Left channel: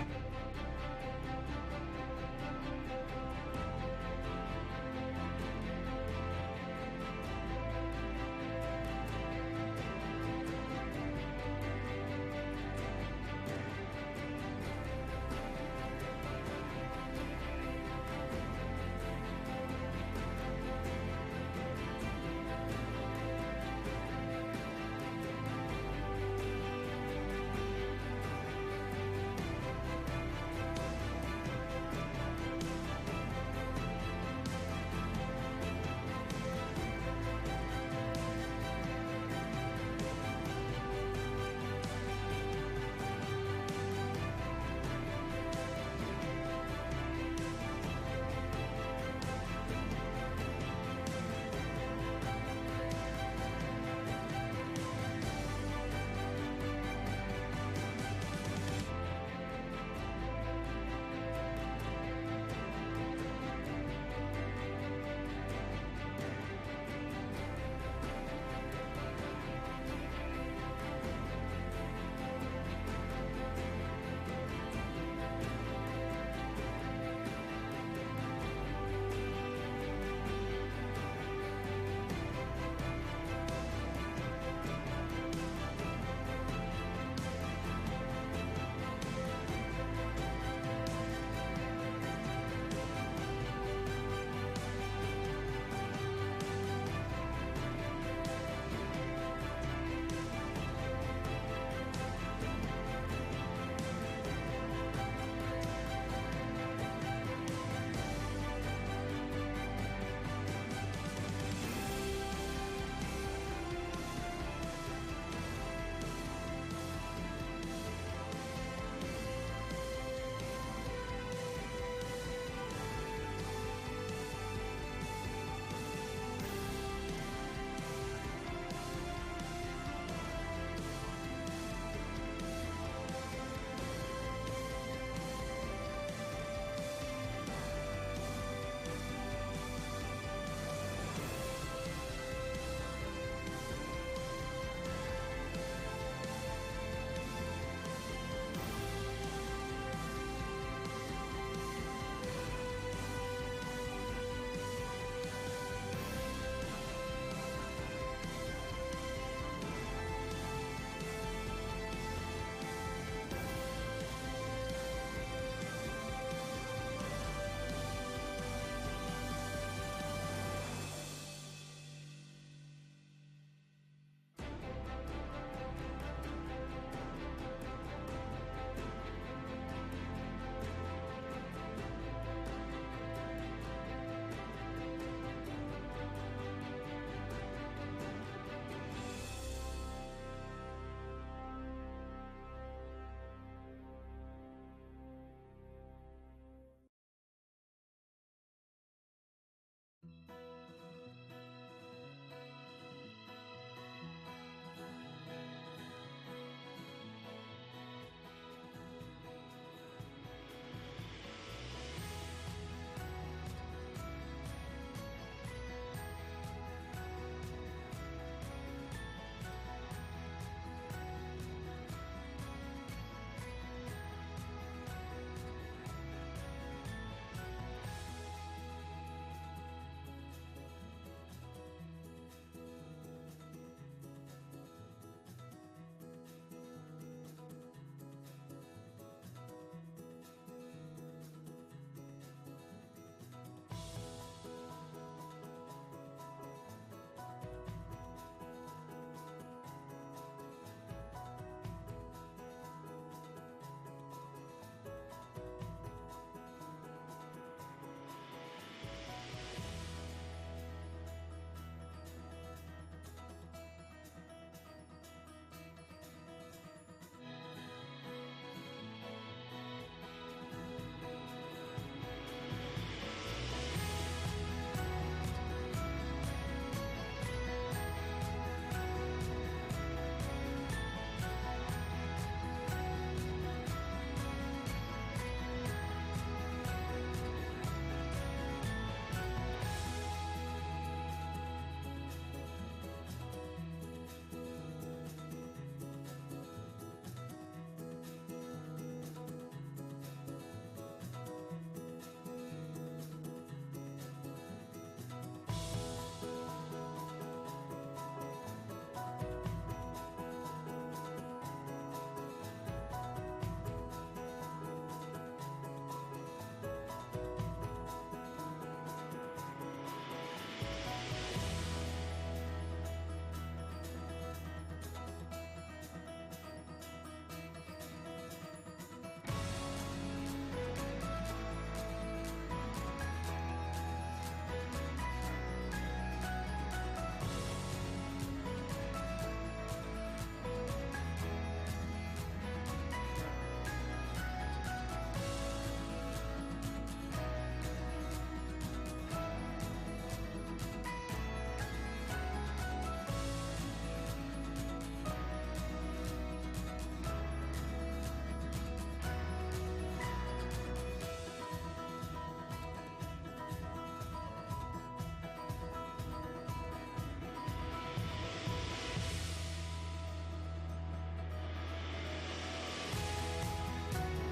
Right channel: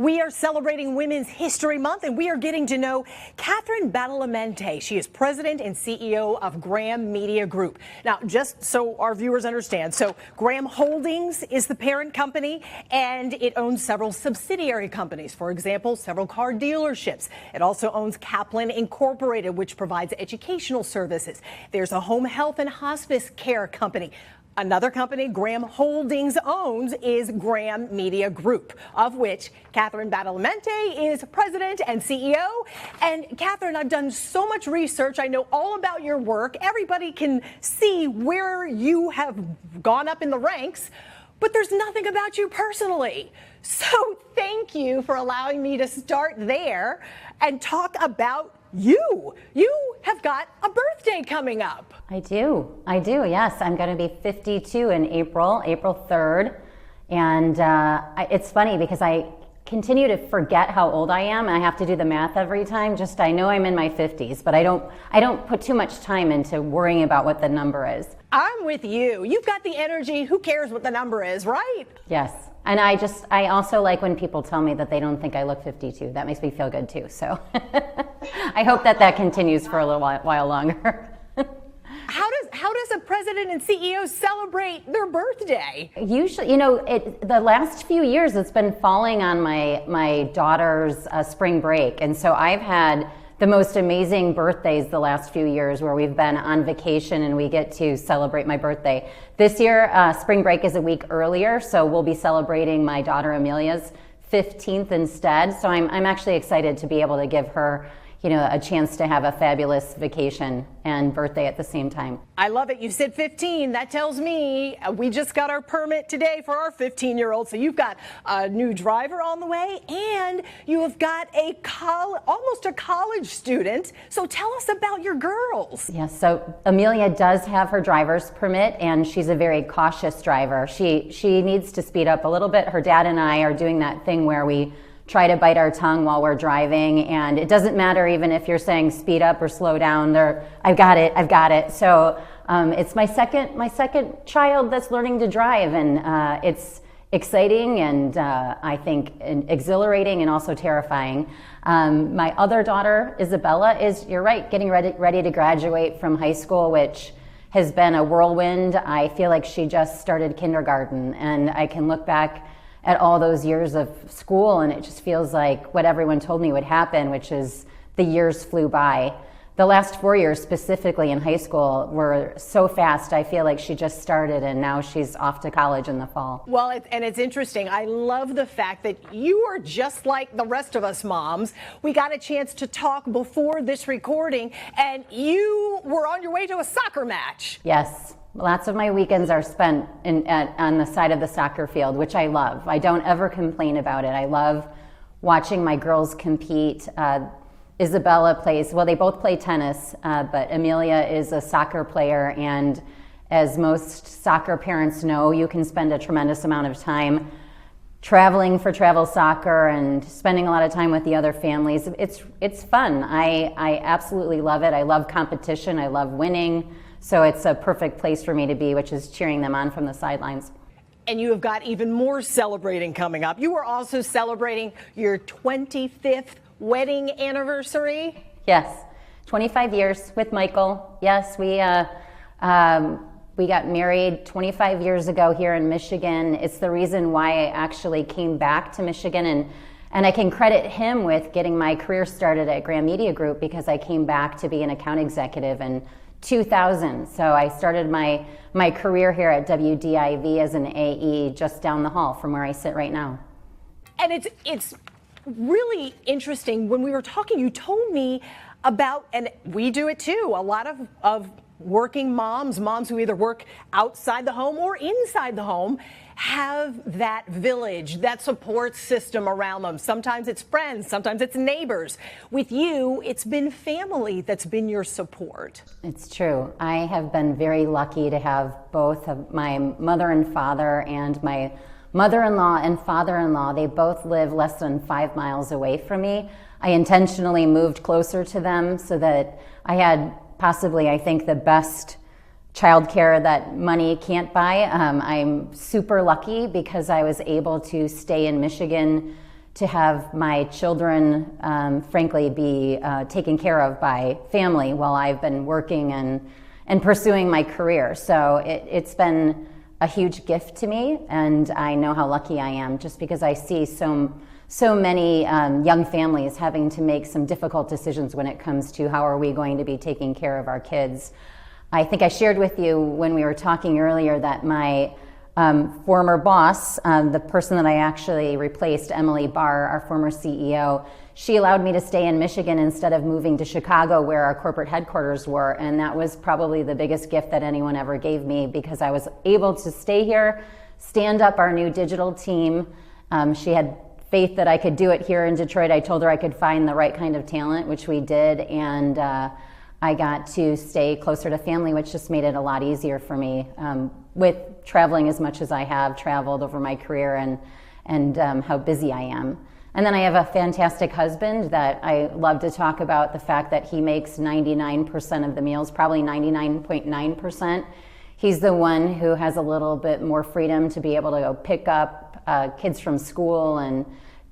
We are celebrating Women's History Month, and we are getting to know Katharine Badalamente. She is president and CEO of Graham Media Group. Now, just so our viewers understand, so Graham Holdings is the parent company, and it owns several subsidiary companies. For example, several car dealerships. It also owns Kaplan Incorporated, which provides educational services. There's a home health and hospice care company. Another company Graham Holdings owns is Graham Media Group, of which Katharine Badalamente is president and CEO. And Katharine, I've done so much research. I know all about your work. Everybody can see where you have gone up in the ranks, but there's nothing about you personally. So thank you for allowing me to start there and talk about you. You have got a birthday coming up. I do, yes. I'm going to be 52 in April 3rd. And it's funny because I continue to forget how old I am. I have to do the math every time. I know I'm in my 50s, but I don't put too much time into worrying about what the number is. I'm with you. You've got the energy. Who cares what the number is, right? Yes. And I also like when people tell me that they don't think I look 52. That makes me feel good too. So I hope that continues for a little while longer. How does a president and CEO celebrate their birthday? Usually, the last few years it's been falling on my daughter's spring break, and so I've had the most amazing birthdays the last few years where we've been on vacation and we get to celebrate my birthday. This year, spring break is a week earlier, so we'll be celebrating my daughter Amelia's 15th instead. So I'm actually excited to be able to give her a chance to have a fabulous vacation and birthday at the same time. I love it. You said 15. That tells me we just got our permit today for our 15-year-old. So you've got a new driver on the way, and you have got almost a college student. So tell us about your girls. Yes, so Amelia does have her driver's permit, and she's a very cautious driver. She needs to speed up a little bit. Her dad and I are doing that thing where we try to bite our tongue while we're driving, and it doesn't matter even if you're saying speed up or slow down. I've got it. So it's my second child that's learning to drive, and it's exciting and I think exhilarating and also terrifying. My other daughter, Isabella, is, you're right, getting ready to graduate from high school, which has been a whirlwind. I feel like she just started kindergarten, and I can look back at all those years of school, and it just feels like what everyone told me would happen, which is the years flew by. The last 4 years specifically in high school were so fast. I feel like she just started and now she's off to college in the fall. Well, and it's interesting. I love the fact that you are just like the rest of us moms. We got a chance to talk before this recording, and you were on your way to a soccer match. Yes. Lots of my weekends are spent on the side of the soccer field, which I love. I don't ever complain about it. I love watching my girls compete. Isabella plays, well, they both play tennis, but Amelia is a soccer player, and as most soccer parents know, you can spend a tremendous amount of time traveling for travel soccer and spending a lot of time with the other families. It's fun. I absolutely love it. I love competition. I love winning. So it's a perfect place for me to be, which is cheering them on from the sidelines. And you have got even more celebrating coming up. You are also celebrating your 25th wedding anniversary. Yes, 25 years with Michael. Yes, we got married 25 years ago here in Michigan. It's the reason why I actually came back to Michigan, and I can credit him with getting my career started at Graham Media Group, because I came back to be an account executive in 2000. So I started my career here at WDIV as an AE just down the hall from where I sit right now. And it's really interesting. When we were talking, you told me about, and we do it too, a lot of working moms who either work outside the home or inside the home, have that village, that support system around them. Sometimes it's friends, sometimes it's neighbors. With you, it's been family that's been your support. It's true. I have been very lucky to have both of my mother and father, and my mother-in-law and father-in-law. They both live less than 5 miles away from me. I intentionally moved closer to them so that I had possibly, I think, the best childcare that money can't buy. I'm super lucky because I was able to stay in Michigan to have my children, frankly, be taken care of by family while I've been working and pursuing my career. So it's been a huge gift to me, and I know how lucky I am just because I see so many young families having to make some difficult decisions when it comes to how are we going to be taking care of our kids. I think I shared with you when we were talking earlier that my former boss, the person that I actually replaced, Emily Barr, our former CEO, she allowed me to stay in Michigan instead of moving to Chicago where our corporate headquarters were, and that was probably the biggest gift that anyone ever gave me because I was able to stay here, stand up our new digital team. She had faith that I could do it here in Detroit. I told her I could find the right kind of talent, which we did, and I got to stay closer to family, which just made it a lot easier for me with traveling as much as I have traveled over my career and how busy I am. And then I have a fantastic husband that I love to talk about the fact that he makes 99% of the meals, probably 99.9%. He's the one who has a little bit more freedom to be able to go pick up kids from school and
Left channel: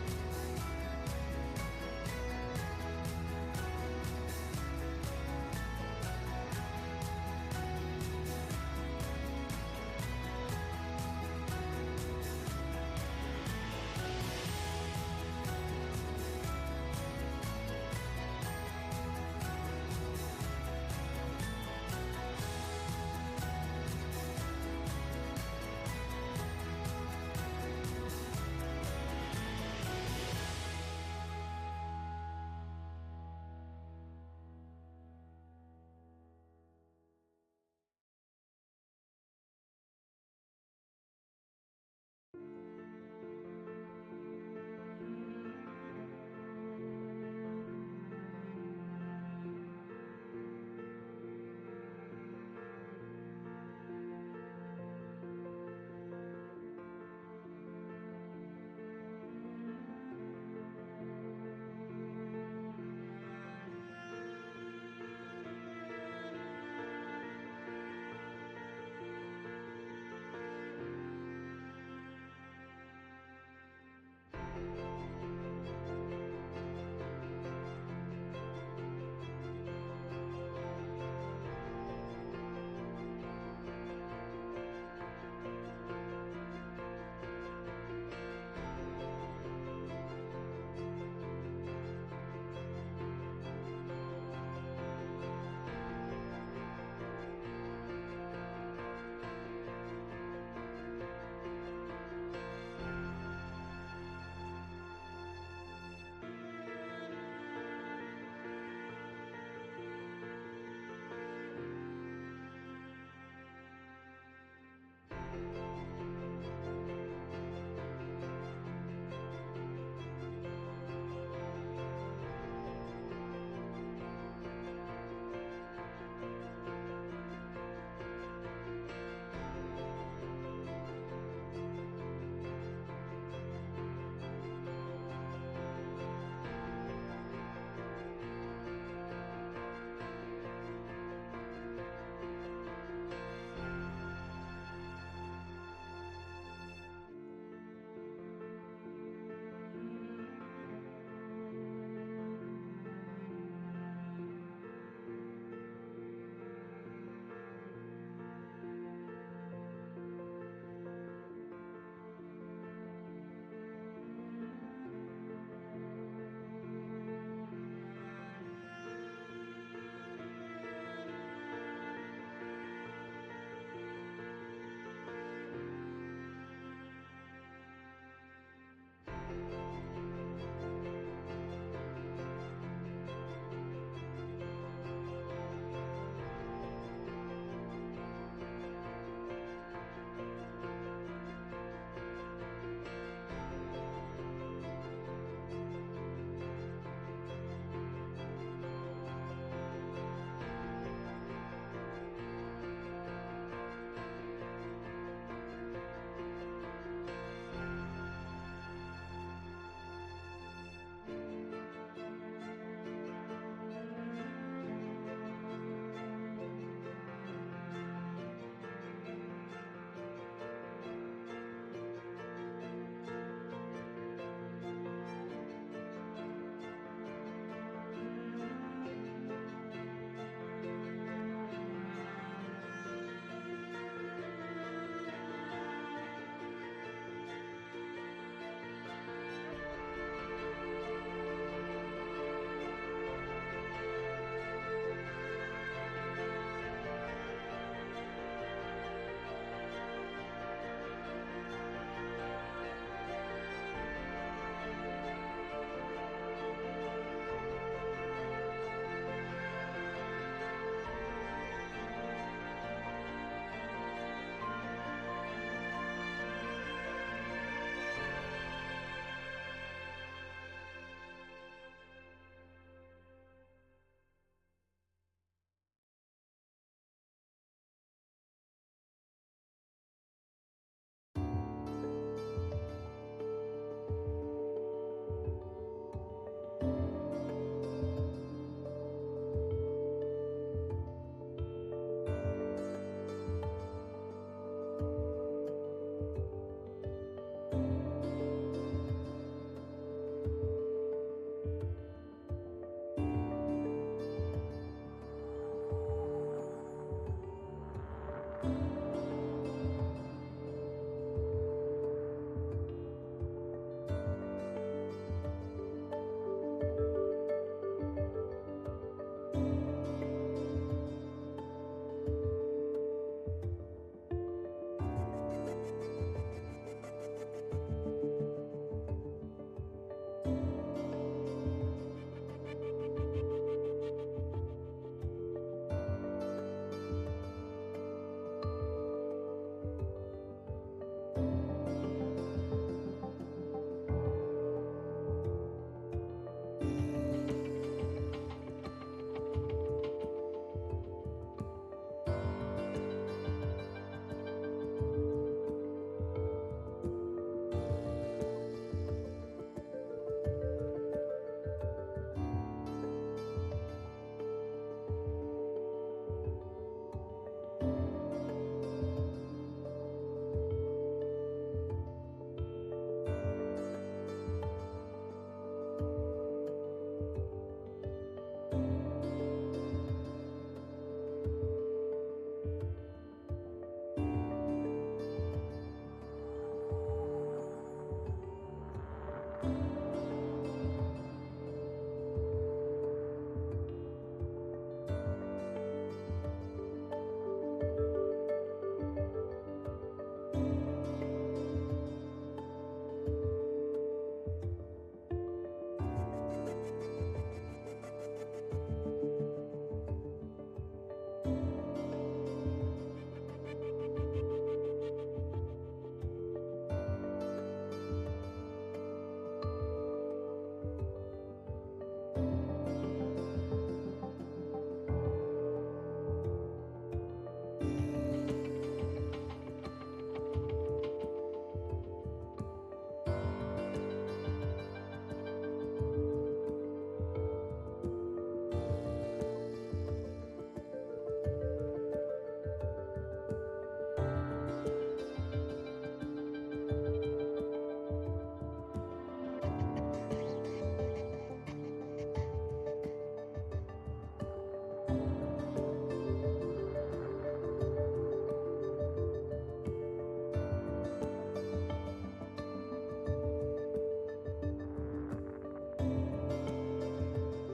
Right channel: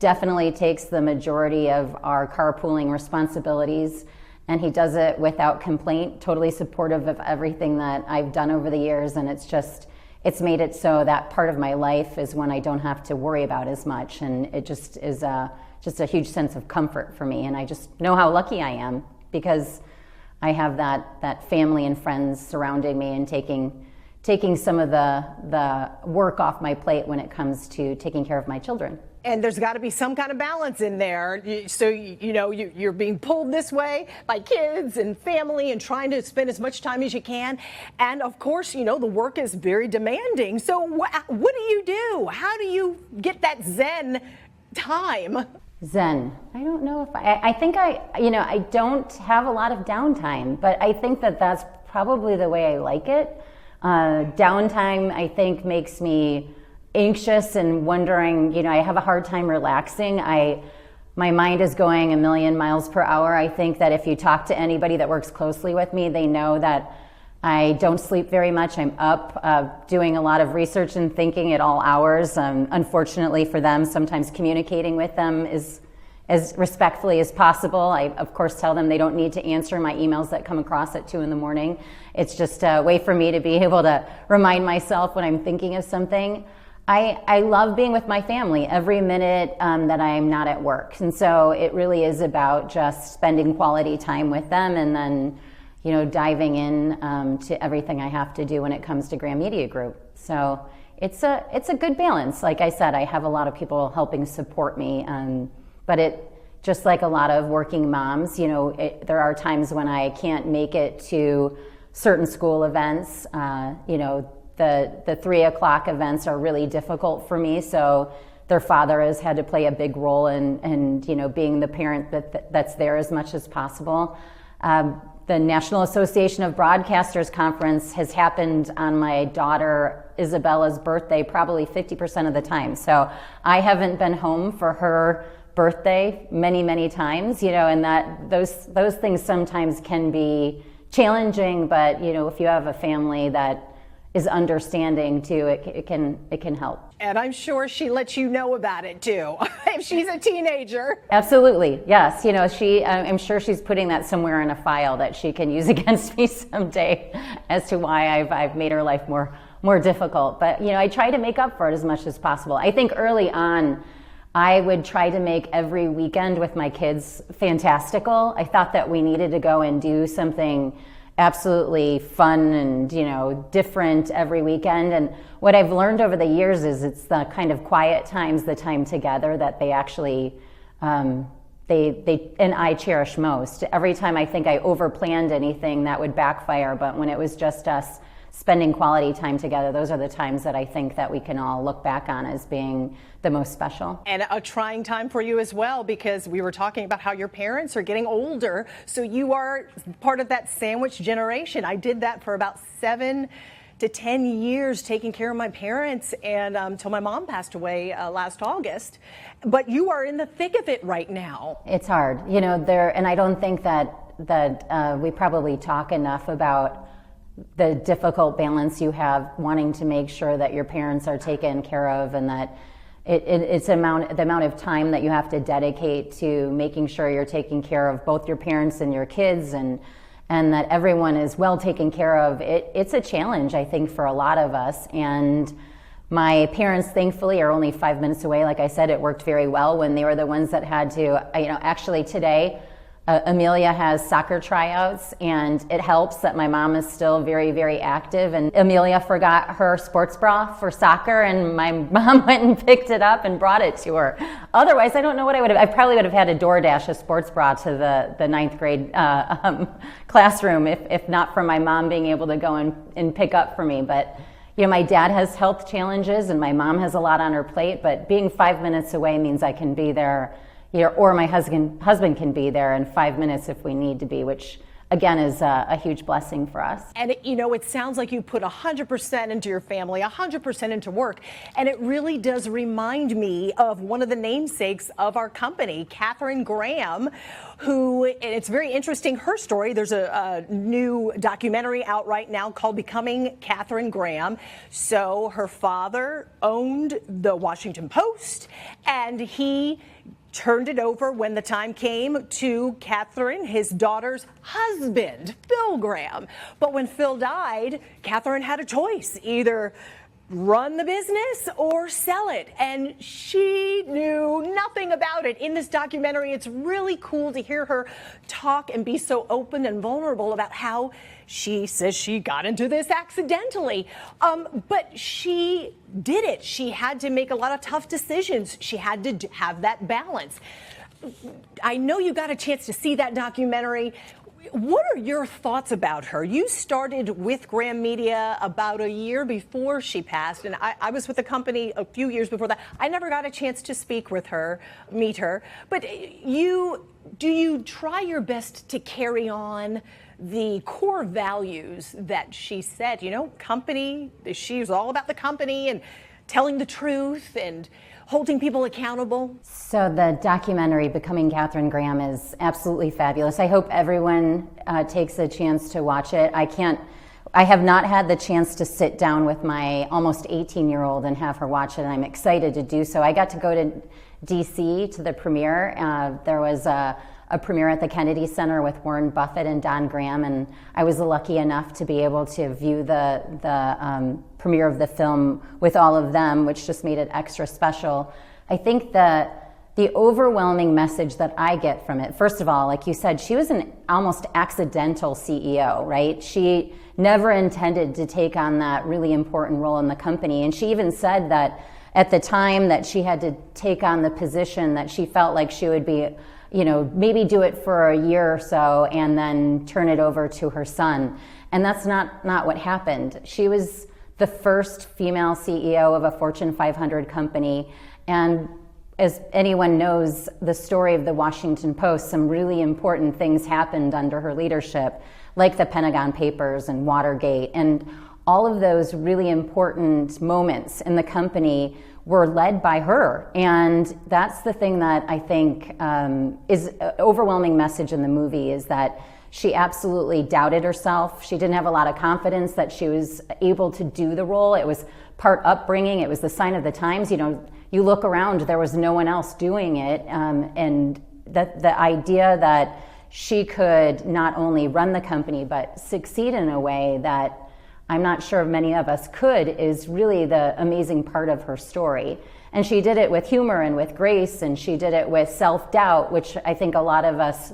definitely takes the majority of our carpooling responsibilities. And he does it without complaint, totally supportive of everything that I've done over the years, and it's made it so that part of my life is when I don't have to worry about as much, and it just is just a huge sense of comfort for me, and I just know how lucky I am because I have that family and friends surrounding me and taking some of the work off my plate when it comes to taking care of my children. And there's got to be some kind of balance in there. So, you're being pulled this way by kids and family and trying to spend as much time as you can. And of course, the work is very demanding. So what do you do? How do you get that Zen time? Zen. I don't know if I think I don't have a lot of downtime, but I think that that's probably the way I like it. Downtime, I think, makes me anxious and wondering, I have a hard time relaxing. My mind is going a million miles per hour. I think that if you talk to anybody that works closely with me, they know that I don't sleep very much. I'm up doing a lot of research and thinking at all hours. Unfortunately for them, sometimes communicating with them is as respectfully as possible. I, of course, tell them they don't need to answer my emails that come across at 2 in the morning. It's just a way for me to be able to remind myself when I'm thinking of something. I love being with my family every minute that I'm not at work. And so it really is about just spending quality time with them and then, diving in to everything I have to do when it comes to Graham Media Group. So it's a good balance. Like I said, I have a lot of people helping support me, but it, just like a lot of working moms, there are times when I can't make it to certain school events. The 3 o'clock events are really difficult for me, so their father has had to play a big role in being the parent that's there as much as possible. The National Association of Broadcasters Conference has happened on my daughter Isabella's birthday probably 50% of the time, so I haven't been home for her birthday many times, and that those things sometimes can be challenging, but if you have a family that is understanding too, it can help. And I'm sure she lets you know about it too, if she's a teenager. Absolutely, yes. I'm sure she's putting that somewhere in a file that she can use against me someday as to why I've made her life more difficult. But I try to make up for it as much as possible. I think early on, I would try to make every weekend with my kids fantastical. I thought that we needed to go and do something absolutely fun and different every weekend. And what I've learned over the years is it's the kind of quiet times, the time together, that they actually they and I cherish most. Every time I think I overplanned anything, that would backfire, but when it was just us spending quality time together, those are the times that I think that we can all look back on as being the most special. And a trying time for you as well, because we were talking about how your parents are getting older, so you are part of that sandwich generation. I did that for about 7 to 10 years, taking care of my parents, and until my mom passed away last August. But you are in the thick of it right now. It's hard, and I don't think that we probably talk enough about the difficult balance you have wanting to make sure that your parents are taken care of and that it's the amount of time that you have to dedicate to making sure you're taking care of both your parents and your kids, and that everyone is well taken care of. It's a challenge, I think, for a lot of us. And my parents, thankfully, are only 5 minutes away. Like I said, it worked very well when they were the ones that had to, actually today, Amelia has soccer tryouts, and it helps that my mom is still very, very active. And Amelia forgot her sports bra for soccer, and my mom went and picked it up and brought it to her. Otherwise, I don't know what I probably would have had to DoorDash a sports bra to the ninth grade classroom if not for my mom being able to go and pick up for me. But my dad has health challenges, and my mom has a lot on her plate. But being 5 minutes away means I can be there. Or my husband can be there in 5 minutes if we need to be, which again is a huge blessing for us. And it sounds like you put 100% into your family, 100% into work, and it really does remind me of one of the namesakes of our company, Katharine Graham, who, and it's very interesting, her story. There's a new documentary out right now called Becoming Katharine Graham. So her father owned the Washington Post, and he turned it over when the time came to Katharine, his daughter's husband, Phil Graham. But when Phil died, Katharine had a choice: either run the business or sell it. And she knew nothing about it. In this documentary, it's really cool to hear her talk and be so open and vulnerable about how she says she got into this accidentally. But she did it. She had to make a lot of tough decisions. She had to have that balance. I know you got a chance to see that documentary. What are your thoughts about her? You started with Graham Media about a year before she passed, and I was with the company a few years before that. I never got a chance to speak with her, meet her. But do you try your best to carry on the core values that she said? Company, she was all about the company and telling the truth and holding people accountable. So the documentary Becoming Katharine Graham is absolutely fabulous. I hope everyone takes a chance to watch it. I have not had the chance to sit down with my almost 18-year-old and have her watch it, and I'm excited to do so. I got to go to DC to the premiere. There was a premiere at the Kennedy Center with Warren Buffett and Don Graham, and I was lucky enough to be able to view the premiere of the film with all of them, which just made it extra special. I think that the overwhelming message that I get from it, first of all, like you said, she was an almost accidental CEO, right? She never intended to take on that really important role in the company, and she even said that at the time that she had to take on the position, that she felt like she would be maybe do it for a year or so and then turn it over to her son. And that's not what happened. She was the first female CEO of a Fortune 500 company. And as anyone knows, the story of the Washington Post, some really important things happened under her leadership, like the Pentagon Papers and Watergate. And all of those really important moments in the company were led by her. And that's the thing that I think is an overwhelming message in the movie, is that she absolutely doubted herself. She didn't have a lot of confidence that she was able to do the role. It was part upbringing. It was the sign of the times. You look around, there was no one else doing it. And the idea that she could not only run the company, but succeed in a way that I'm not sure many of us could, is really the amazing part of her story. And she did it with humor and with grace, and she did it with self-doubt, which I think a lot of us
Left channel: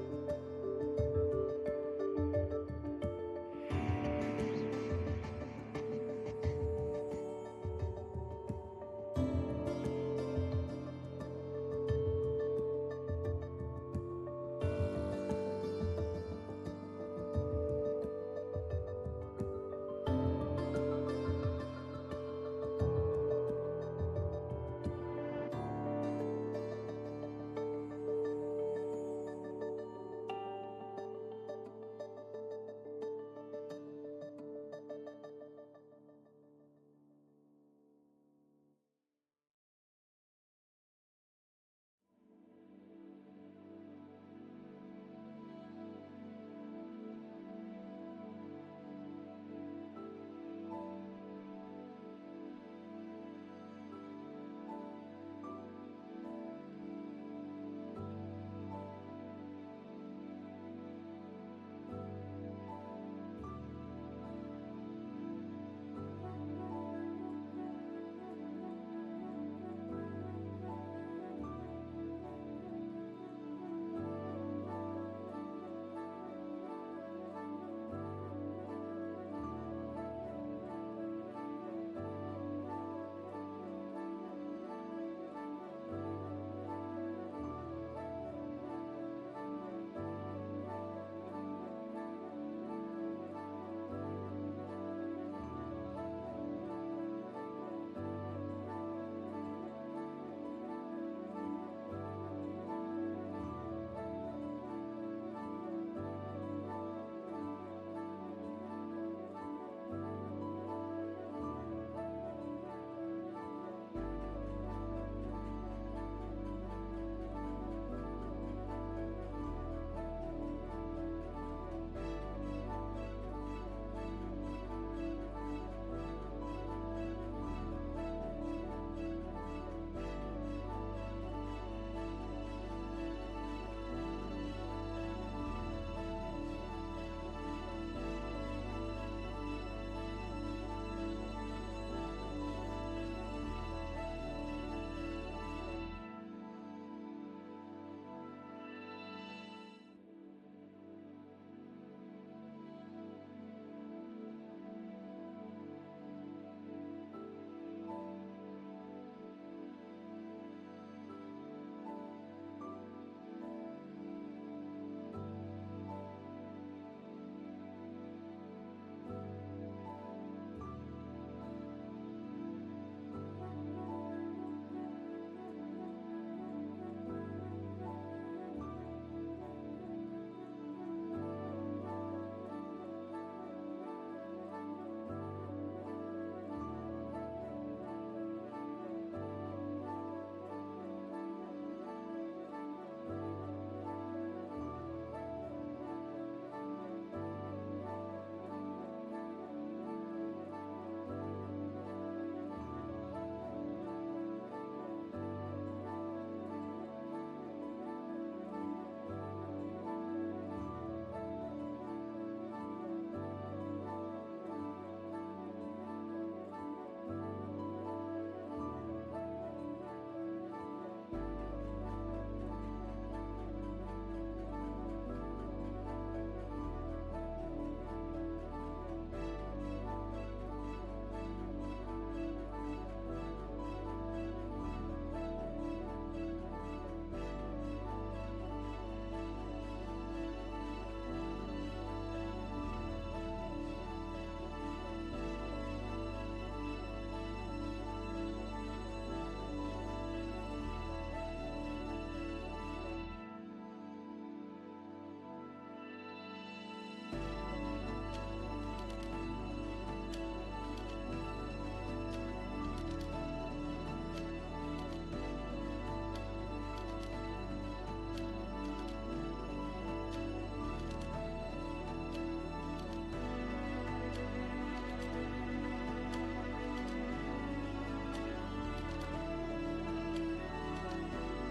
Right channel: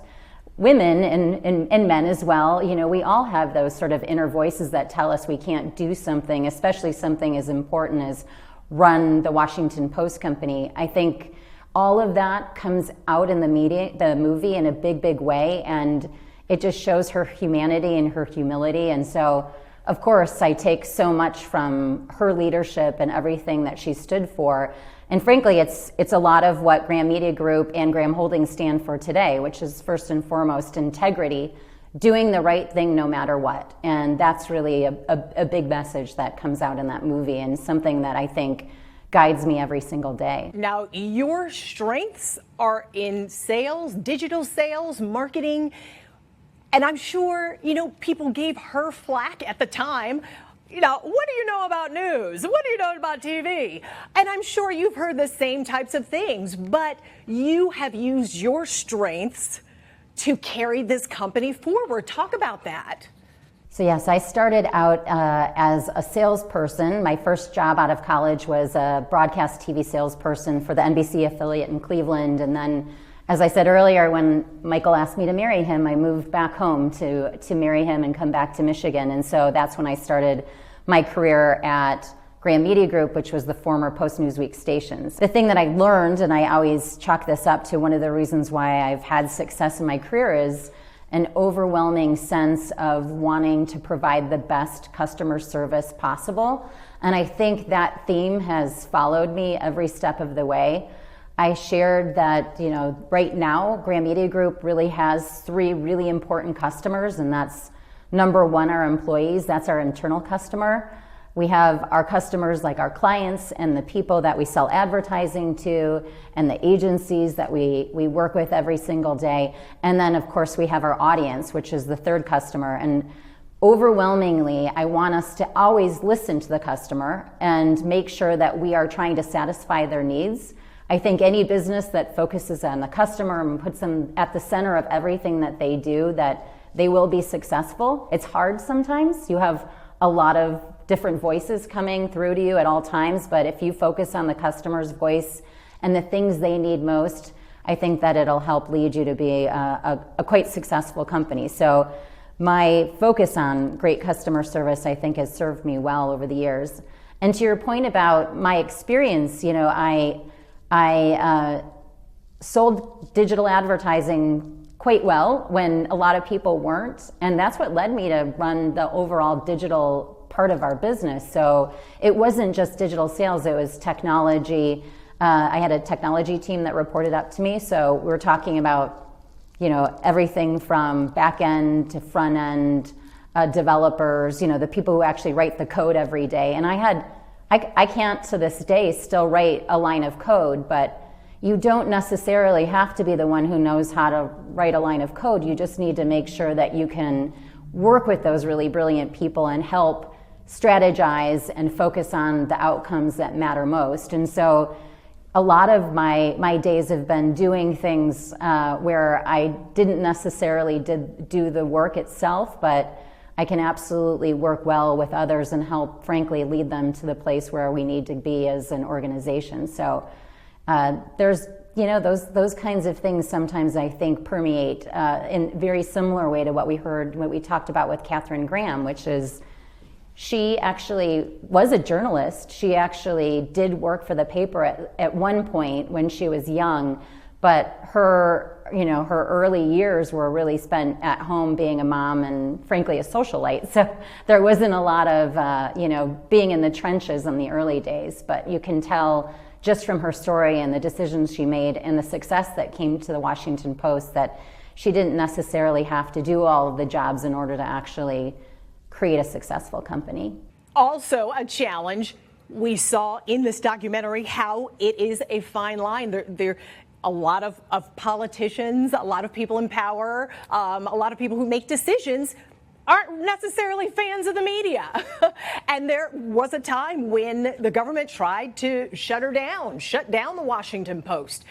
women and men as well, we all have those sort of inner voices that tell us we can't do something, especially something as important as run the Washington Post company. I think all of that comes out in the movie in a big, big way, and it just shows her humanity and her humility. And so, of course, I take so much from her leadership and everything that she stood for. And frankly, it's a lot of what Graham Media Group and Graham Holdings stand for today, which is first and foremost integrity, doing the right thing no matter what. And that's really a big message that comes out in that movie, and something that I think guides me every single day. Now, your strengths are in sales, digital sales, marketing. And I'm sure, people gave her flack at the time. what do you know about news? What do you know about TV? And I'm sure you've heard the same types of things, but you have used your strengths to carry this company forward. Talk about that. So yes, I started out as a salesperson. My first job out of college was a broadcast TV salesperson for the NBC affiliate in Cleveland. And then, as I said earlier, when Michael asked me to marry him, I moved back home to marry him and come back to Michigan. And so that's when I started my career at Graham Media Group, which was the former Post-Newsweek stations. The thing that I learned, and I always chalk this up to one of the reasons why I've had success in my career, is an overwhelming sense of wanting to provide the best customer service possible. And I think that theme has followed me every step of the way. I shared that, right now, Graham Media Group really has 3 really important customers, and that's number 1, our employees. That's our internal customer. We have our customers like our clients and the people that we sell advertising to and the agencies that we work with every single day. And then of course we have our audience, which is the 3rd customer. And overwhelmingly, I want us to always listen to the customer and make sure that we are trying to satisfy their needs. I think any business that focuses on the customer and puts them at the center of everything that they do, that they will be successful. It's hard sometimes. You have a lot of different voices coming through to you at all times, but if you focus on the customer's voice and the things they need most, I think that it'll help lead you to be a quite successful company. So my focus on great customer service, I think, has served me well over the years. And to your point about my experience, I sold digital advertising quite well when a lot of people weren't, and that's what led me to run the overall digital part of our business. So it wasn't just digital sales, it was technology. I had a technology team that reported up to me, so we're talking about everything from back end to front end developers, the people who actually write the code every day. And I can't to this day still write a line of code, but you don't necessarily have to be the one who knows how to write a line of code. You just need to make sure that you can work with those really brilliant people and help strategize and focus on the outcomes that matter most. And so a lot of my days have been doing things where I didn't necessarily do the work itself, but I can absolutely work well with others and help, frankly, lead them to the place where we need to be as an organization. So there's those kinds of things sometimes I think permeate in a very similar way to what we talked about with Katharine Graham, which is she actually was a journalist. She actually did work for the paper at one point when she was young, but her early years were really spent at home being a mom and frankly a socialite. So there wasn't a lot of being in the trenches in the early days, but you can tell just from her story and the decisions she made and the success that came to the Washington Post that she didn't necessarily have to do all of the jobs in order to actually create a successful company. Also a challenge. We saw in this documentary how it is a fine line. There a lot of politicians, a lot of people in power, a lot of people who make decisions aren't necessarily fans of the media. And there was a time when the government tried to shut down the Washington Post.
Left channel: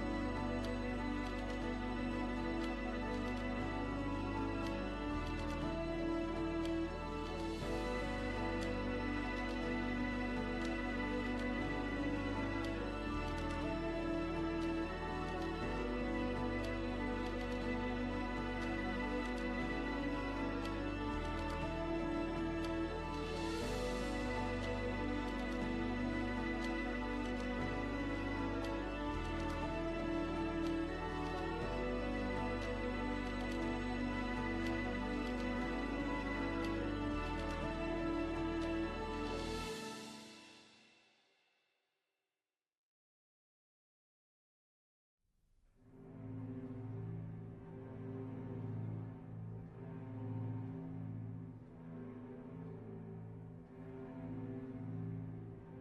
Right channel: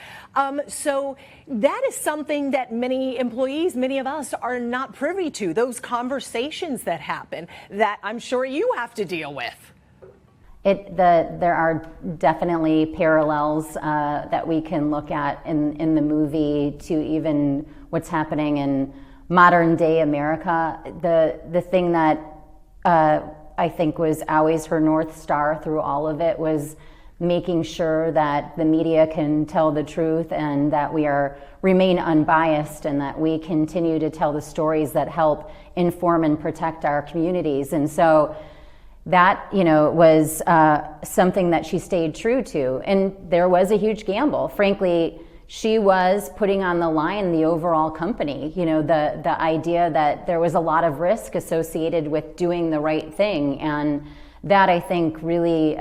So that is something that many employees, many of us are not privy to, those conversations that happen that I'm sure you have to deal with. There are definitely parallels that we can look at in the movie to even what's happening in modern day America. The thing that I think was always her North Star through all of it was making sure that the media can tell the truth and that we remain unbiased and that we continue to tell the stories that help inform and protect our communities. And so that was something that she stayed true to. And there was a huge gamble. Frankly, she was putting on the line the overall company. The idea that there was a lot of risk associated with doing the right thing, and that I think really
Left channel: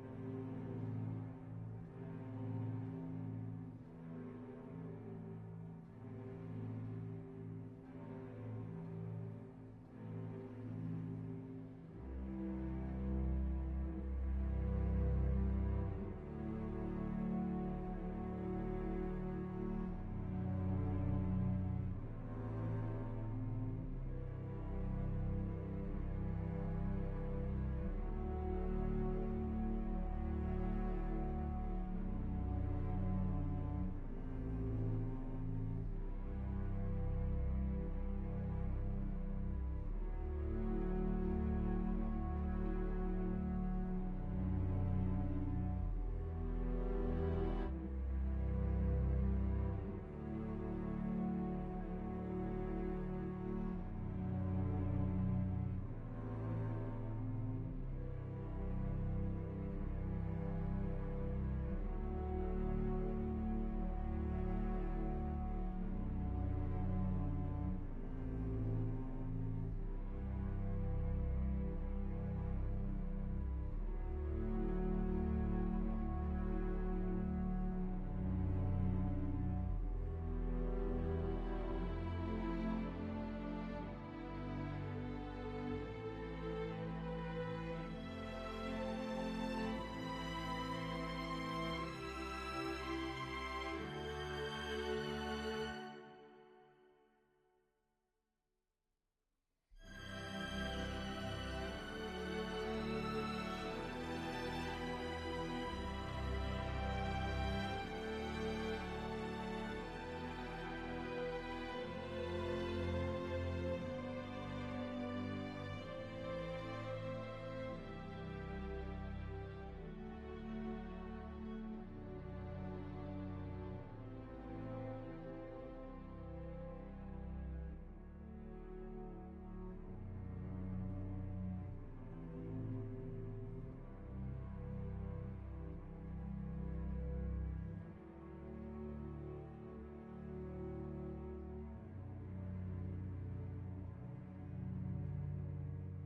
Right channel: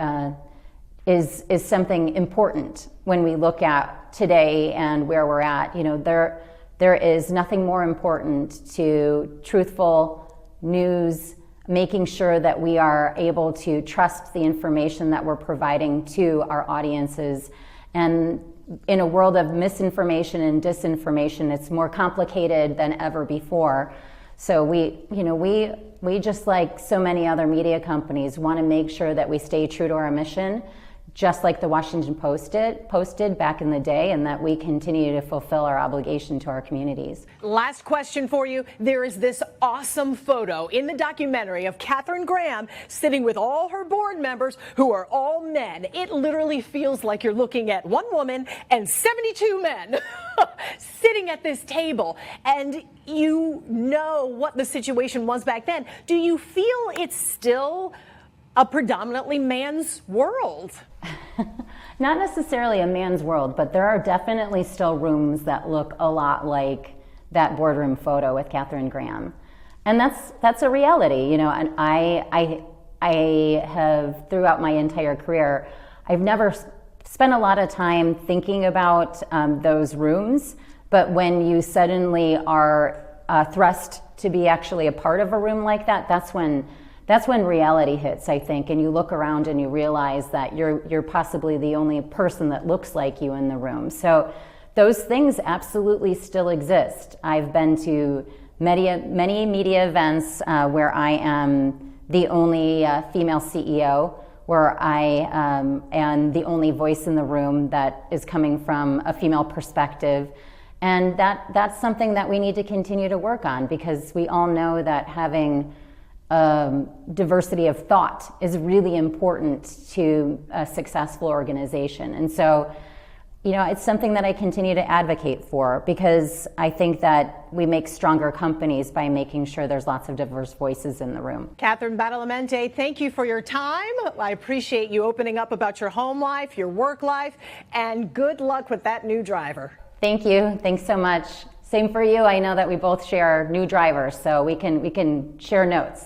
is something important when we look at today and where we're at. There is nothing more important to truthful news, making sure that we are able to trust the information that we're providing to our audiences. And in a world of misinformation and disinformation, it's more complicated than ever before. So we just, like so many other media companies, want to make sure that we stay true to our mission, just like the Washington Post posted back in the day, and that we continue to fulfill our obligation to our communities. Last question for you. There is this awesome photo in the documentary of Katharine Graham sitting with all her board members who are all men. It literally feels like you're looking at one woman and 72 men sitting at this table, and you know what the situation was back then. Do you feel it's still a predominantly man's world? Not necessarily a man's world, but there are definitely still rooms that look a lot like that boardroom photo with Katharine Graham. And that's a reality, you know, and I have, throughout my entire career, I've never spent a lot of time thinking about those rooms, but when you suddenly are thrust to be actually a part of a room like that, that's when reality hits, I think, and you look around and you realize that you're possibly the only person that looks like you in the room. So those things absolutely still exist. I've been to many media events where I am the only female CEO, where I am the only voice in the room that is coming from a female perspective. And that's something that we need to continue to work on, because we all know that having diversity of thought is really important to a successful organization. And so, you know, it's something that I continue to advocate for, because I think that we make stronger companies by making sure there's lots of diverse voices in the room. Katharine Badalamente, thank you for your time. I appreciate you opening up about your home life, your work life, and good luck with that new driver. Thank you. Thanks so much. Same for you. I know that we both share new drivers, so we can share notes.